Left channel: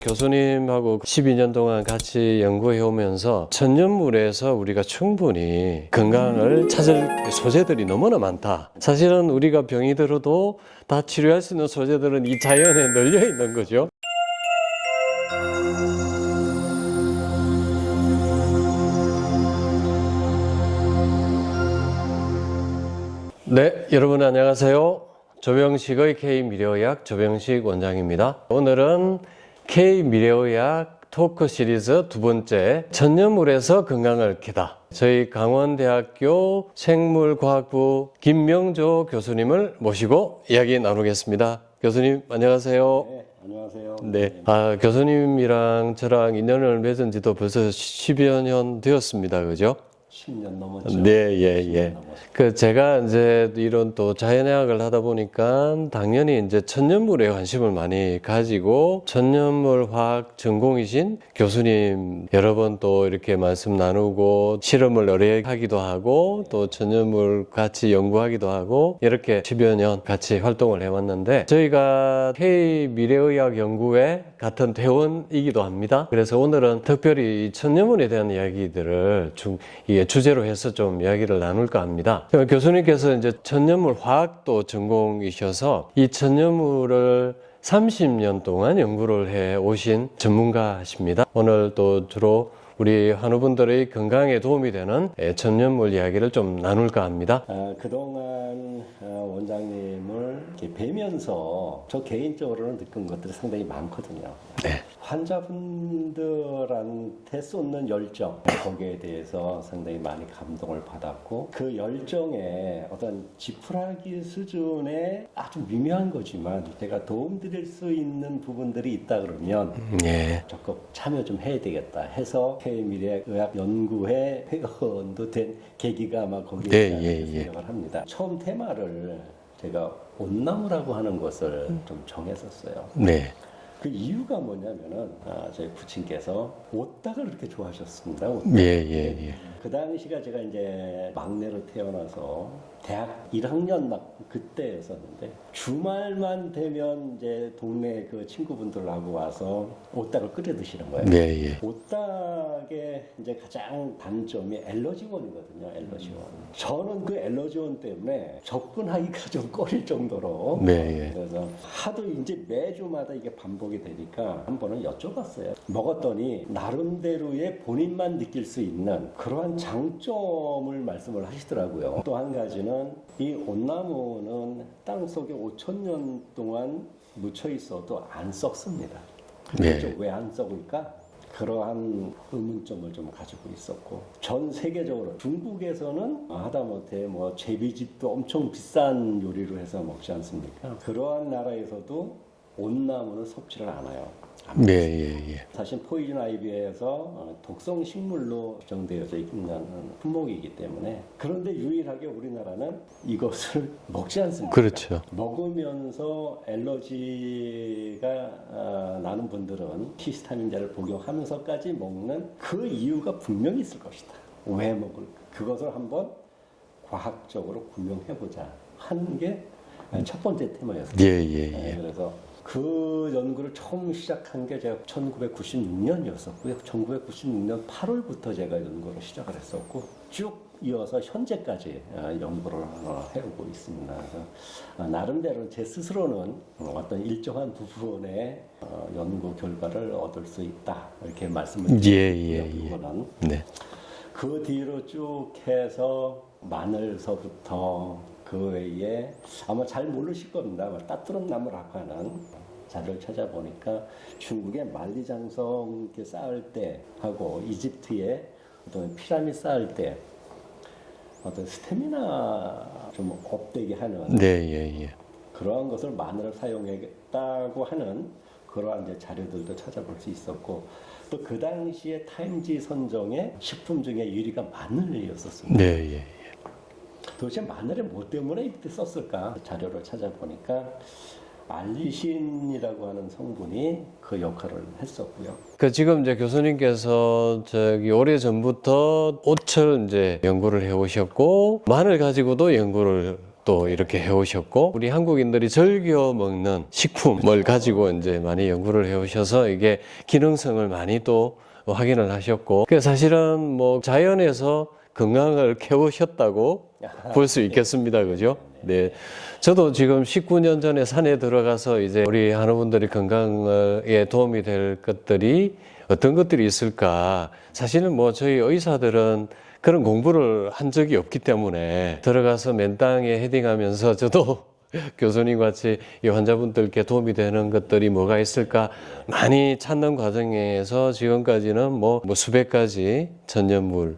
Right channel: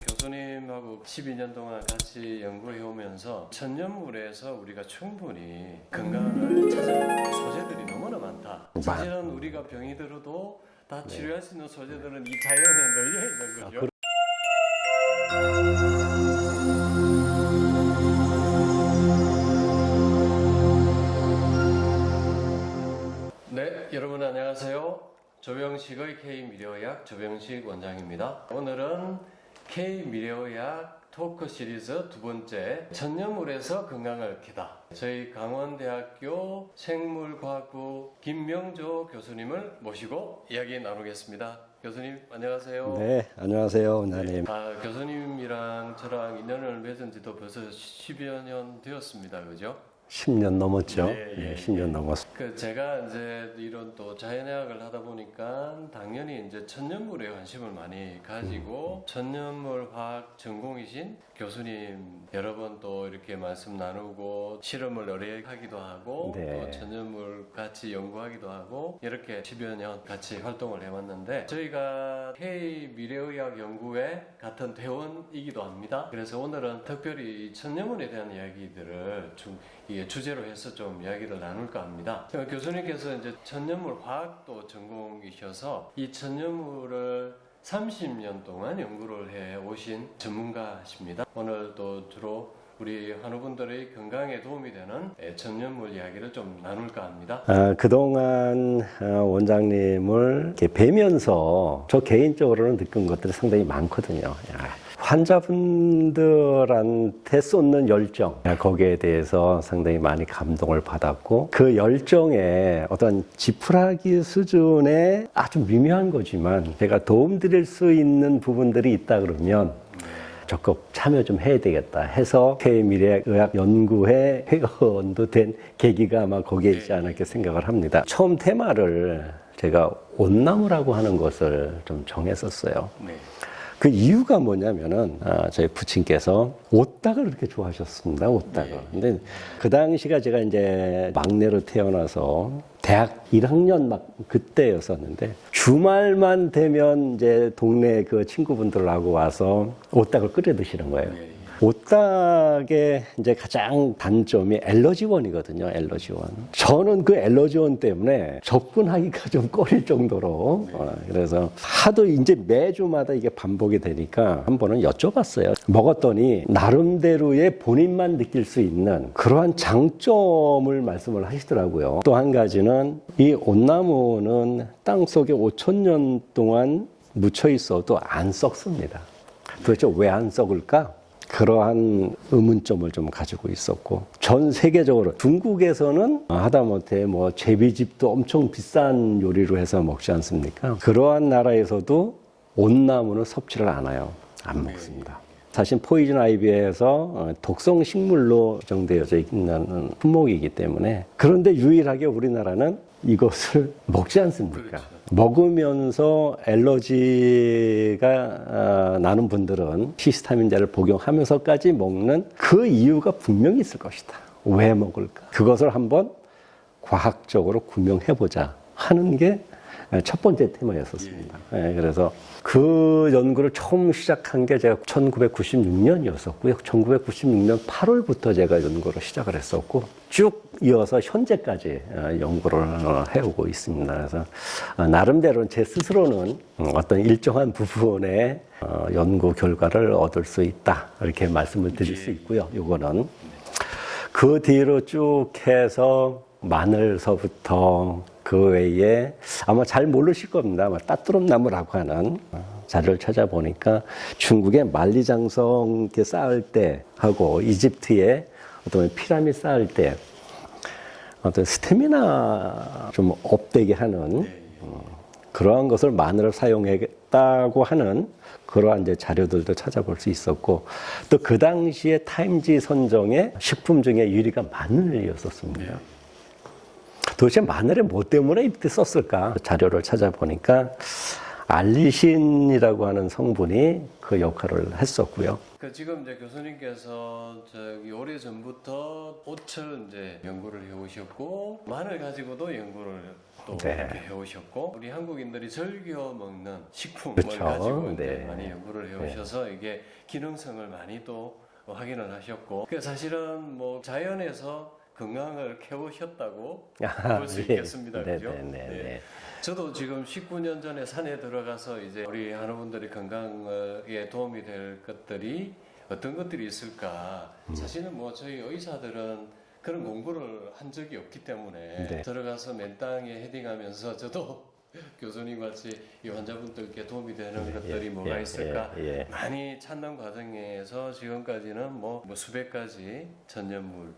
교수님하고 12년 동안 같이 연구해 오면서 천연물에서 우리가 충분히 건강을 찾을 소재들이 너무나 많다. 사실은 우리가 병이 들어도 다 치료할 수 있는 소재들은 이 자연에 널려 있는 거죠. 네, 여러분 안녕하세요. 조병식의 K미래의학 조병식 원장입니다. 오늘은 K미래의학 토크 시리즈 두 번째, 천연물에서 건강을 캐다. 저희 강원대학교 생물과학부 김명조 교수님을 모시고 이야기 나누겠습니다. 교수님 안녕하세요. 네, 안녕하세요. 네, 교수님이랑 저랑 인연을 맺은 지도 벌써 10여 년 되었습니다. 그죠? 10년 넘었죠. 네, 예, 10년 예. 넘었습니다. 제가 이제 이런 또 자연의학을 하다 보니까 당연히 이제 천연물에 관심을 많이 가지고 천연물 화학 전공이신 교수님 여러 번 또 이렇게 말씀 나누고 실험을 의뢰하기도 하고 네. 또 천연물 같이 연구하기도 하고 이렇게 10여 년 같이 활동을 해왔는데 저희가 K미래의학 연구회 같은 대원이기도 합니다. 그래서 오늘은 특별히 이 천연물에 대한 이야기들을 주제로 해서 좀 이야기를 나눌까 합니다. 교수님께서 이제 천연물 화학도 전공이셔서 이 천연물을 30년 동안 연구를 해 오신 전문가십니다. 오늘 또 주로 우리 환우분들의 건강에 도움이 되는 천연물 이야기를 좀 나눌까 합니다. 그동안 원장님을 이렇게 뵈면서 저 개인적으로는 느낀 것들이 상당히 많거든요. 네. 환자분들한테 쏟는 열정, 거기에 대해서 상당히 많이 감동을 받았고 그 열정에 어떤 지푸라기 수준의 아주 미묘한 거지만 제가 도움드릴 수 있는 부분들이 있다 그러면 네. 적극 참여 좀 해야 되겠다 해서 K미래의학 연구회 회원도 된 계기가 아마 거기에 있지 않을까 생각을 합니다. 처음 테마를 제가 온나무라고 하는 것을 좀 정했었어요. 네. 그 이유가 뭐냐면은 저희 부친께서 옷닭을 그렇게 좋아하셨습니다. 옷닭을. 예. 그 당시가 제가 이제 막내로 태어나서 대학 1학년 막 그때였었는데 주말만 되면 이제 동네 그 친구분들하고 와서 옷닭을 끓여 드시는 거예요. 예. 옷닭의 이제 가장 단점이 엘러지원이거든요. 엘러지원. 저는 그 엘러지원 때문에 접근하기가 좀 꺼릴 정도로. 네. 그래서 하도 이제 매주마다 이게 반복이 되니까 한 번은 여쭤봤어요. 먹었더니 나름대로의 본인만 느낄 수 있는 그러한 장점을 말씀을 하시더라고요. 또 한 가지는 이 온나무는 땅 속에 5,000년 동안 묻혀 있어도 안 썩습니다. 그렇죠? 왜 안 썩을까? 그러한 의문점을 좀 가지고 있었고 전 세계적으로 중국에서는 하다못해 뭐 제비집도 엄청 비싼 요리로 해서 먹지 않습니까? 그러한 나라에서도 온나무는 섭취를 안 해요. 안 먹습니다. 사실 포이즌 아이비에서 독성 식물로 지정되어져 있는 품목이기 때문에 그런데 유일하게 우리나라는 이것을 먹지 않습니다. 그렇죠. 먹으면서 엘러지가 나는 분들은 히스타민제를 복용하면서까지 먹는 그 이유가 분명히 있을 것이다. 왜 먹을까? 그것을 한번 과학적으로 구명해보자 하는 게 첫 번째 테마였었어요. 그래서 그 연구를 처음 시작한 게 제가 1996년이었었고요. 1996년 8월부터 제가 연구를 시작을 했었고 쭉 이어서 현재까지 연구를 해오고 있습니다. 그래서 나름대로 제 스스로는 어떤 일정한 부분의 연구 결과를 얻을 수 있다 이렇게 말씀을 드릴 수 있고요. 이거는 그 뒤로 쭉 해서 마늘서부터 그 외에 아마 잘 모르실 겁니다. 아마 따뚜름나무라고 하는 자료를 찾아보니까 중국의 만리장성 이렇게 쌓을 때 하고 이집트의 어떤 피라미드 쌓을 때 어떤 스태미나 좀 업되게 하는 그러한 것을 마늘을 사용했다고 하는 그러한 이제 자료들도 찾아볼 수 있었고 또 그 당시에 타임지 선정의 식품 중에 1위가 마늘이었었습니다. 도대체 마늘에 뭐 때문에 이렇게 썼을까? 자료를 찾아보니까 알리신이라고 하는 성분이 그 역할을 했었고요. 지금 이제 교수님께서 오래 전부터 옷을 이제 연구를 해 오셨고 마늘 가지고도 연구를 또 이렇게 해오셨고 우리 한국인들이 즐겨 먹는 식품을 그렇죠. 가지고 이제 많이 연구를 해오셔서 이게 기능성을 많이 또 확인을 하셨고 그 사실은 뭐 자연에서 건강을 캐오셨다고 볼 수 있겠습니다, 그죠? 네. 저도 지금 19년 전에 산에 들어가서 이제 우리 한우분들이 건강에 도움이 될 것들이 어떤 것들이 있을까? 사실은 뭐 저희 의사들은 그런 공부를 한 적이 없기 때문에 들어가서 맨땅에 헤딩하면서 저도 교수님 같이 이 환자분들께 도움이 되는 것들이 뭐가 있을까 많이 찾는 과정에서 지금까지는 뭐 수백 가지 전염물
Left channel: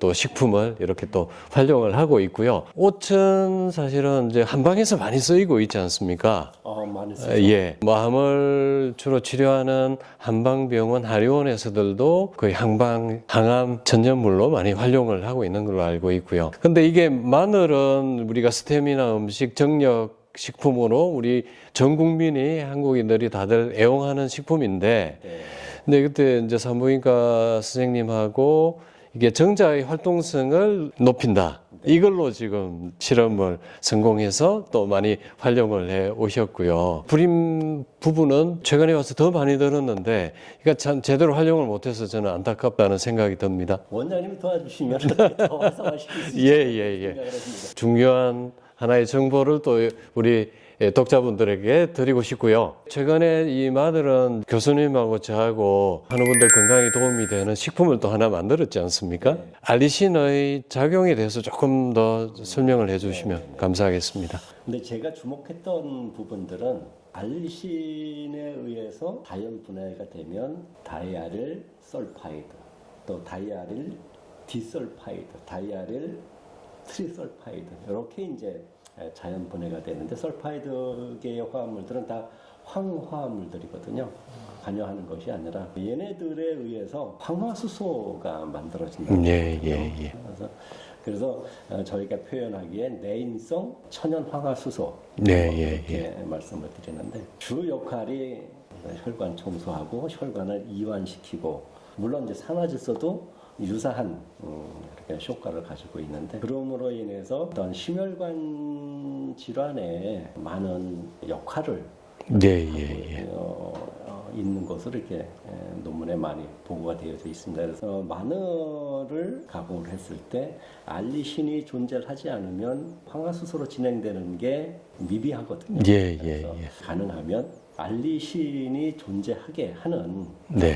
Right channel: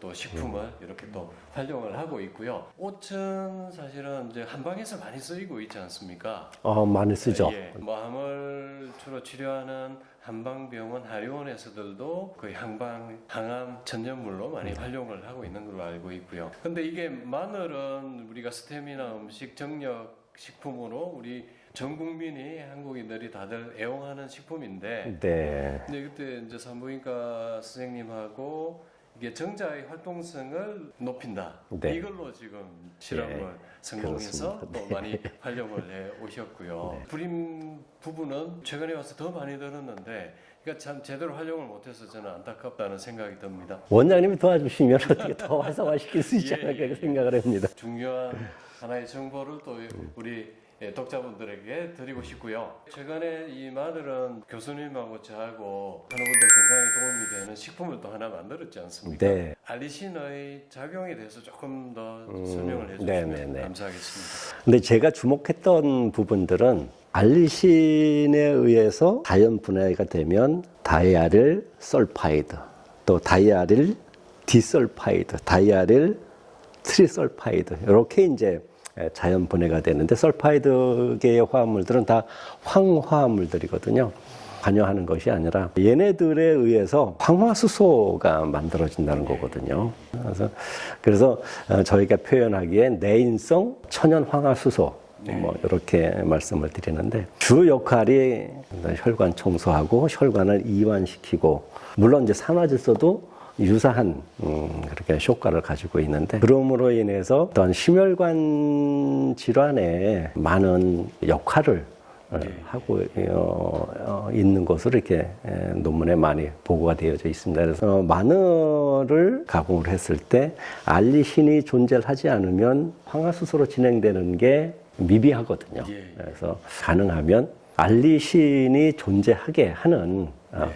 또 식품을 이렇게 또 활용을 하고 있고요. 옷은 사실은 이제 한방에서 많이 쓰이고 있지 않습니까? 많이 쓰죠. 예, 뭐 암을 주로 치료하는 한방병원 한의원에서들도 거의 항암 전염물로 많이 활용을 하고 있는 걸로 알고 있고요. 근데 이게 마늘은 우리가 스테미나 음식 정력 식품으로 우리 전 국민이 한국인들이 다들 애용하는 식품인데, 근데 그때 이제 산부인과 선생님하고 이게 정자의 활동성을 높인다. 이걸로 지금 실험을 성공해서 또 많이 활용을 해 오셨고요. 불임 부분은 최근에 와서 더 많이 들었는데, 그러니까 참 제대로 활용을 못해서 저는 안타깝다는 생각이 듭니다. 원장님이 도와주시면 어떻게 더 활성화시킬 수 있지 않을까 생각을 합니다. 중요한 하나의 정보를 또 우리 독자분들에게 드리고 싶고요. 최근에 이 마늘은 교수님하고 저하고 한우분들 건강에 도움이 되는 식품을 또 하나 만들었지 않습니까? 네. 알리신의 작용에 대해서 조금 더 설명을 해주시면 감사하겠습니다. 근데 제가 주목했던 부분들은 알리신에 의해서 자연 분해가 되면 다이아릴 설파이드, 또 다이아릴 디설파이드, 다이아릴 트리설파이드 이렇게 이제 자연 분해가 되는데 설파이드계의 화합물들은 다 황화물들이거든요. 관여하는 것이 아니라 얘네들에 의해서 황화수소가 만들어진다는 거거든요. 그래서 저희가 표현하기에 내인성 천연 황화수소 이렇게 말씀을 드리는데 주 역할이 혈관 청소하고 혈관을 이완시키고 물론 이제 산화질소도 유사한 그렇게 효과를 가지고 있는데 그럼으로 인해서 어떤 심혈관 질환에 많은 역할을 하고 있는 것으로 이렇게 논문에 많이 보고가 되어져 있습니다. 그래서 마늘을 가공을 했을 때 알리신이 존재하지 않으면 황화수소로 진행되는 게 미비하거든요. 그래서 가능하면 알리신이 존재하게 하는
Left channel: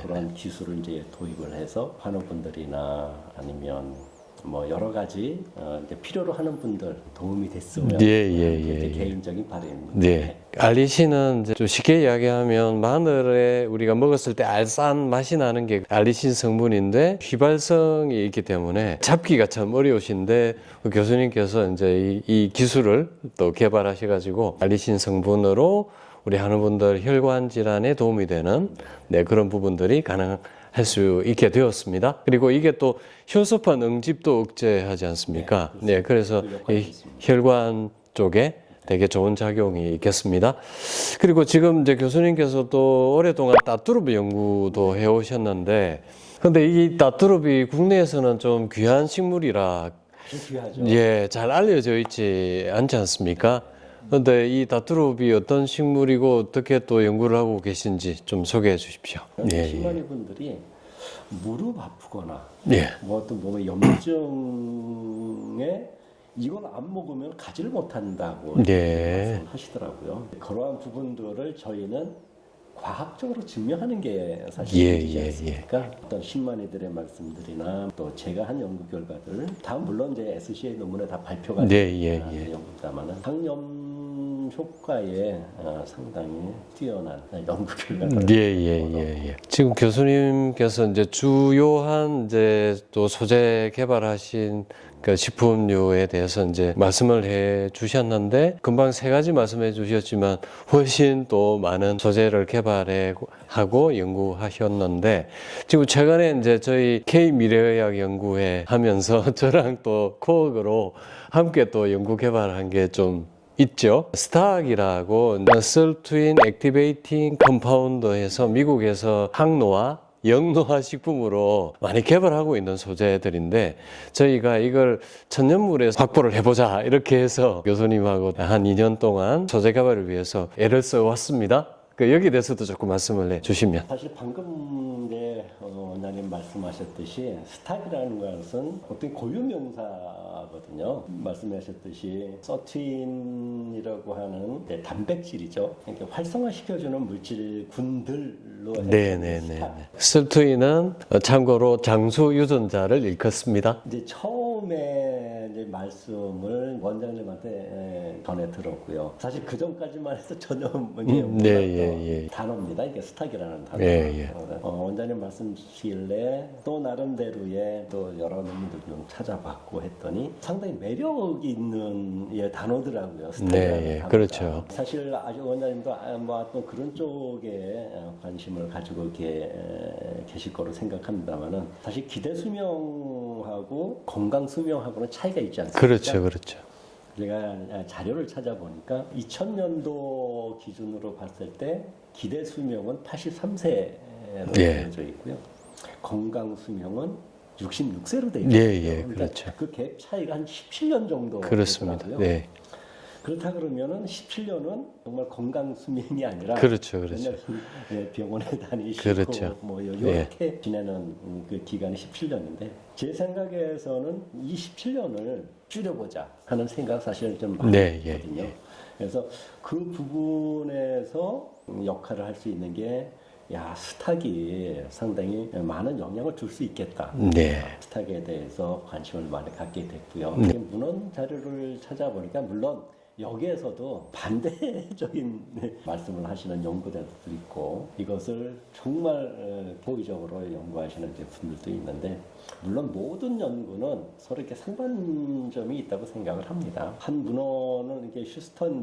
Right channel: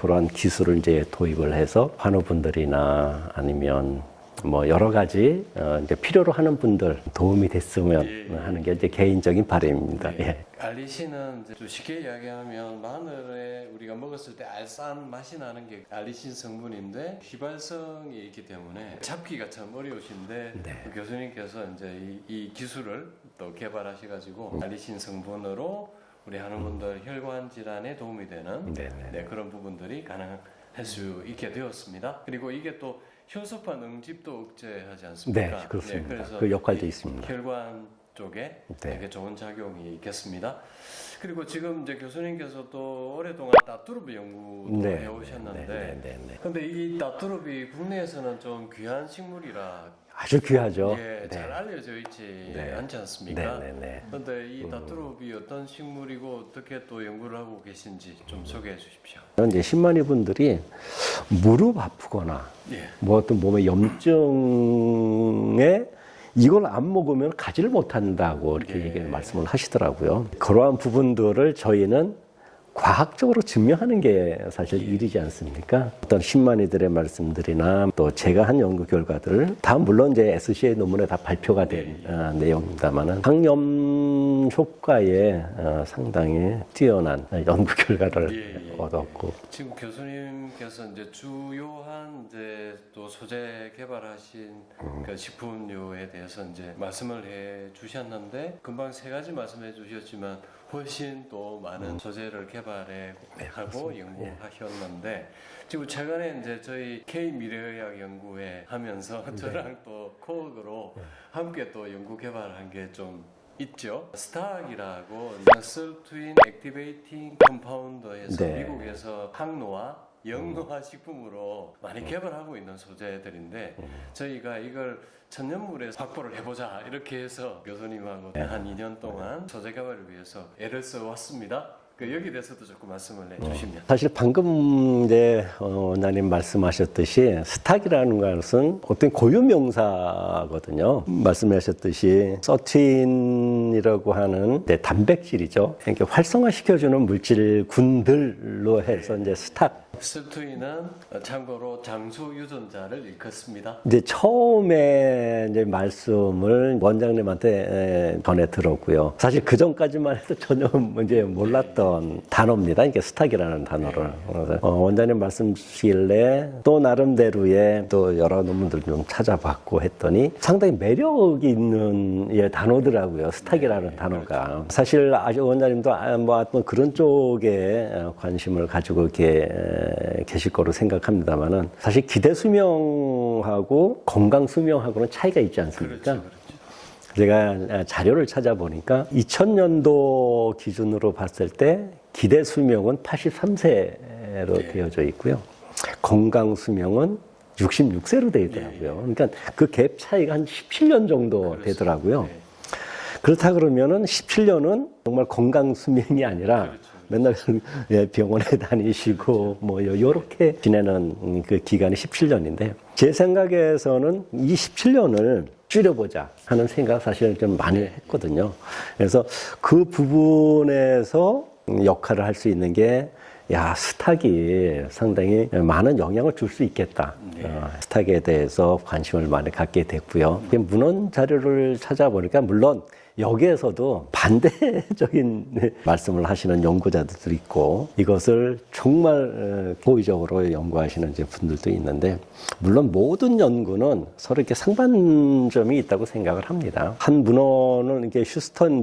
그런 기술을 이제 도입을 해서 환우분들이나 아니면 뭐 여러 가지 이제 필요로 하는 분들 도움이 됐으면 하는 게 이제 개인적인 바람입니다. 알리신은 이제 좀 쉽게 이야기하면 마늘에 우리가 먹었을 때 알싸한 맛이 나는 게 알리신 성분인데 휘발성이 있기 때문에 잡기가 참 어려우신데 그 교수님께서 이제 이 기술을 또 개발하셔가지고 알리신 성분으로 우리 한우분들 혈관 질환에 도움이 되는 그런 부분들이 가능할 수 있게 되었습니다. 그리고 이게 또 혈소판 응집도 억제하지 않습니까? 그래서 그 역할이 있습니다. 혈관 쪽에 되게 좋은 작용이 있겠습니다. 그리고 지금 이제 교수님께서 또 오랫동안 따뚜르비 연구도 해오셨는데, 근데 이 따뚜르비 국내에서는 좀 귀한 식물이라 아주 귀하죠. 잘 알려져 있지 않지 않습니까? 그런데 이 다뚜루비 어떤 식물이고 어떻게 또 연구를 하고 계신지 좀 소개해 주십시오. 신만이 분들이 무릎 아프거나 뭐 어떤 몸의 염증에 이걸 안 먹으면 가지를 못한다고 말씀을 하시더라고요. 그러한 부분들을 저희는 과학적으로 증명하는 게 사실 일이지 않습니까? 어떤 신만이들의 말씀들이나 또 제가 한 연구 결과들 다 물론 이제 SCA 논문에 다 발표가 된 내용입니다만은 항염 효과에 상당히 뛰어난 연구 결과를 얻었고 지금 교수님께서 이제 주요한 이제 또 소재 개발하신 그 식품류에 대해서 이제 말씀을 해 주셨는데 금방 세 가지 말씀해 주셨지만 훨씬 또 많은 소재를 개발하고 연구하셨는데 지금 최근에 이제 저희 K 미래의학 연구회 하면서 저랑 또 코어로 함께 또 연구 개발한 게 좀 있죠. 스타악이라고 Muscle Twin Activating Compound에서 미국에서 항노화 영노화 식품으로 많이 개발하고 있는 소재들인데 저희가 이걸 천연물에 확보를 해보자 이렇게 해서 교수님하고 한 2년 동안 소재 개발을 위해서 애를 써왔습니다. 여기에 대해서도 조금 말씀을 해주시면. 사실 방금 이제 원장님 말씀하셨듯이 스탁이라는 것은 어떤 고유명사거든요. 말씀하셨듯이 서틴이라고 하는 단백질이죠. 이렇게 활성화시켜주는 물질군들로 해서 이제 스탁. 설투인은 참고로 장수 유전자를 일컫습니다. 이제 처음에 이제 말씀을 원장님한테 전해 들었고요. 사실 그 전까지만 해도 전혀 이제 몰랐던 단어입니다. 이게 스탁이라는 단어가. 원장님 말씀 주시길래 또 나름대로의 또 여러 논문들 좀 찾아봤고 했더니 상당히 매력이 있는 단어더라고요. 스탁이라는 단어가. 그렇죠. 사실 아주 원장님도 뭐 어떤 그런 쪽에 관심을 가지고 이렇게 계실 거로 생각합니다만은 사실 기대 수명하고 건강 수명하고는 차이가 있지 않습니까? 그렇죠, 그렇죠. 제가 자료를 찾아보니까 2000년도 기준으로 봤을 때 기대 수명은 83세로 되어져 있고요. 건강 수명은 66세로 되어 있더라고요. 그러니까 그렇죠. 그 갭 차이가 한 17년 정도 되더라고요. 그렇다 그러면은 17년은 정말 건강 수명이 아니라 그렇죠. 맨날 병원에 다니시고 그렇죠. 뭐 이렇게 지내는 그 기간이 17년인데 제 생각에서는 이 17년을 줄여보자 하는 생각 사실 좀 많이 했거든요. 그래서 그 부분에서 역할을 할 수 있는 게 스탁이 상당히 많은 영향을 줄 수 있겠다. 스탁에 대해서 관심을 많이 갖게 됐고요. 이게 문헌 자료를 찾아보니까 물론 여기에서도 반대적인 말씀을 하시는 연구자들도 있고 이것을 정말 고의적으로 연구하시는 이제 분들도 있는데 물론 모든 연구는 서로 이렇게 상반점이 있다고 생각을 합니다. 한 문헌은 이게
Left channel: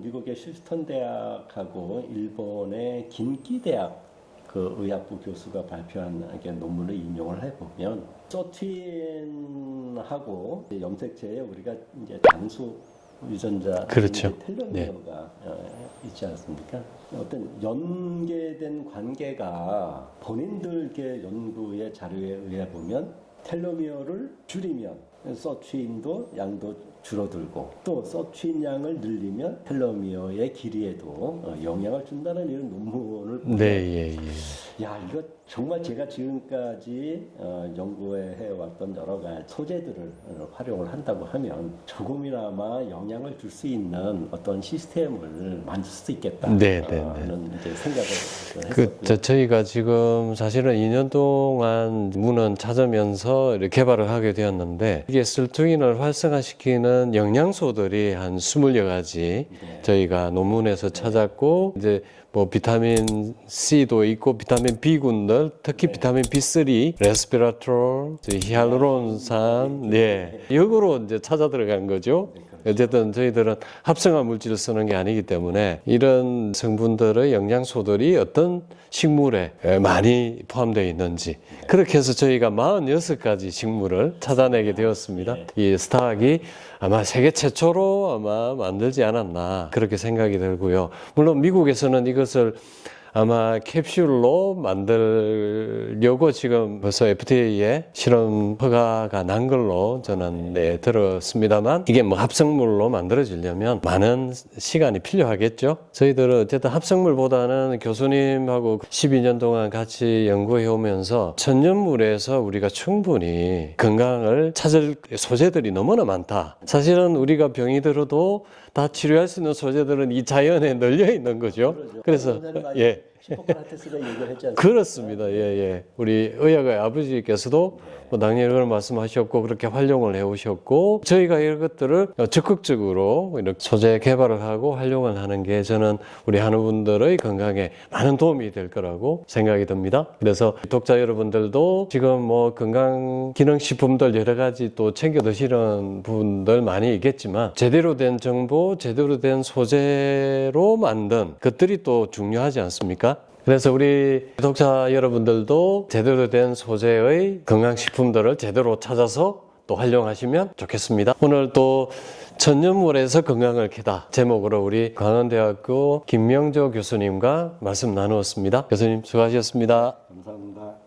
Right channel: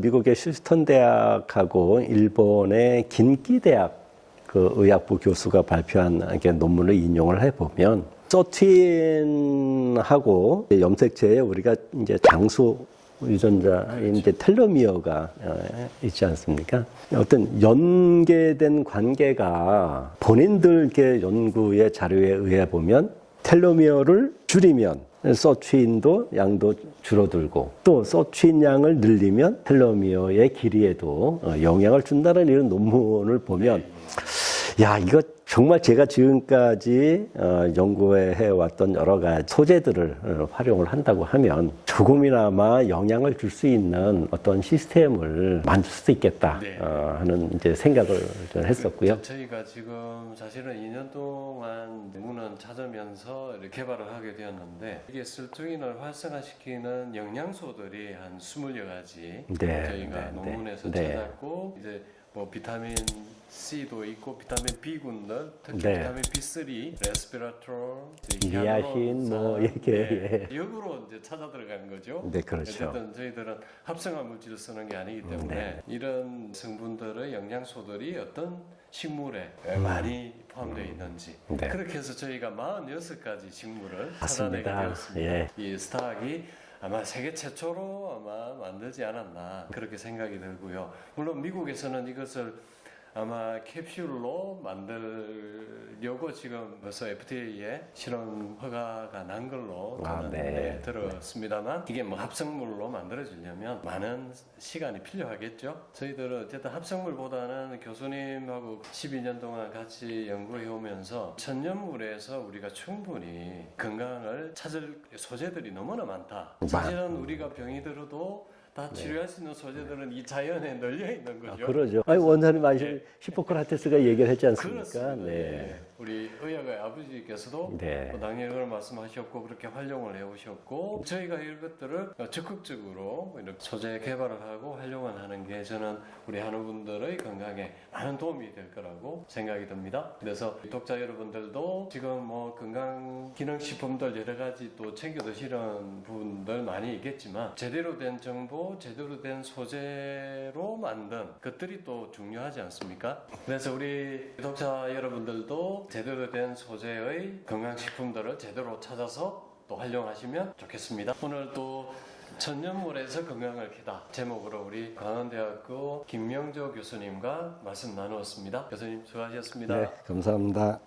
미국의 휴스턴 대학하고 일본의 긴키 대학 그 의학부 교수가 발표한 이렇게 논문을 인용을 해보면 서틴하고 염색체에 우리가 이제 장수 유전자 이제 텔로미어가 있지 않습니까? 어떤 연계된 관계가 본인들 연구의 자료에 의해 보면 텔로미어를 줄이면 서취인도 양도 줄어들고 또 서취인 양을 늘리면 텔로미어의 길이에도 영향을 준다는 이런 논문을 보면 이거 정말 제가 지금까지 연구해 왔던 여러 가지 소재들을 활용을 한다고 하면 조금이나마 영향을 줄 수 있는 어떤 시스템을 만들 수 있겠다 하는 이제 생각을 했었고요. 저희가 지금 사실은 2년 동안 문헌 찾으면서 개발을 하게 되었는데 이게 설투인을 활성화시키는 영양소들이 한 20여 가지 저희가 논문에서 찾았고 이제 뭐 비타민 C도 있고 비타민 B군들 특히 비타민 B3, 레스피라트롤, 히알루론산 이거로 이제 찾아 들어간 거죠. 그렇죠. 어쨌든 저희들은 합성한 물질을 쓰는 게 아니기 때문에 이런 성분들의 영양소들이 어떤 식물에 많이 포함되어 있는지 그렇게 해서 저희가 46가지 식물을 찾아내게 되었습니다. 이 스탁이 아마 세계 최초로 아마 만들지 않았나 그렇게 생각이 들고요. 물론 미국에서는 이것을 아마 캡슐로 만들려고 지금 벌써 FDA에 실험 허가가 난 걸로 저는 들었습니다만 이게 뭐 합성물로 만들어지려면 많은 시간이 필요하겠죠. 저희들은 어쨌든 합성물보다는 교수님하고 12년 동안 같이 연구해 오면서 천연물에서 우리가 충분히 건강을 찾을 소재들이 너무나 많다. 사실은 우리가 병이 들어도 다 치료할 수 있는 소재들은 이 자연에 널려 있는 거죠. 그래서 원장님 히포크라테스가 얘기를 했지 않습니까? 그렇습니다. 우리 의학의 아버지께서도 뭐 당연히 그런 말씀하셨고 그렇게 활용을 해오셨고 저희가 이런 것들을 적극적으로 이렇게 소재 개발을 하고 활용을 하는 게 저는 우리 한우분들의 건강에 많은 도움이 될 거라고 생각이 듭니다. 그래서 독자 여러분들도 지금 뭐 건강 기능식품들 여러 가지 또 챙겨 드시는 분들 많이 있겠지만 제대로 된 정보, 제대로 된 소재로 만든 것들이 또 중요하지 않습니까? 그래서 우리 독자 여러분들도 제대로 된 소재의 건강식품들을 제대로 찾아서 또 활용하시면 좋겠습니다. 오늘 또 천연물에서 건강을 캐다 제목으로 우리 광원대학교 김명조 교수님과 말씀 나누었습니다. 교수님 수고하셨습니다. 감사합니다.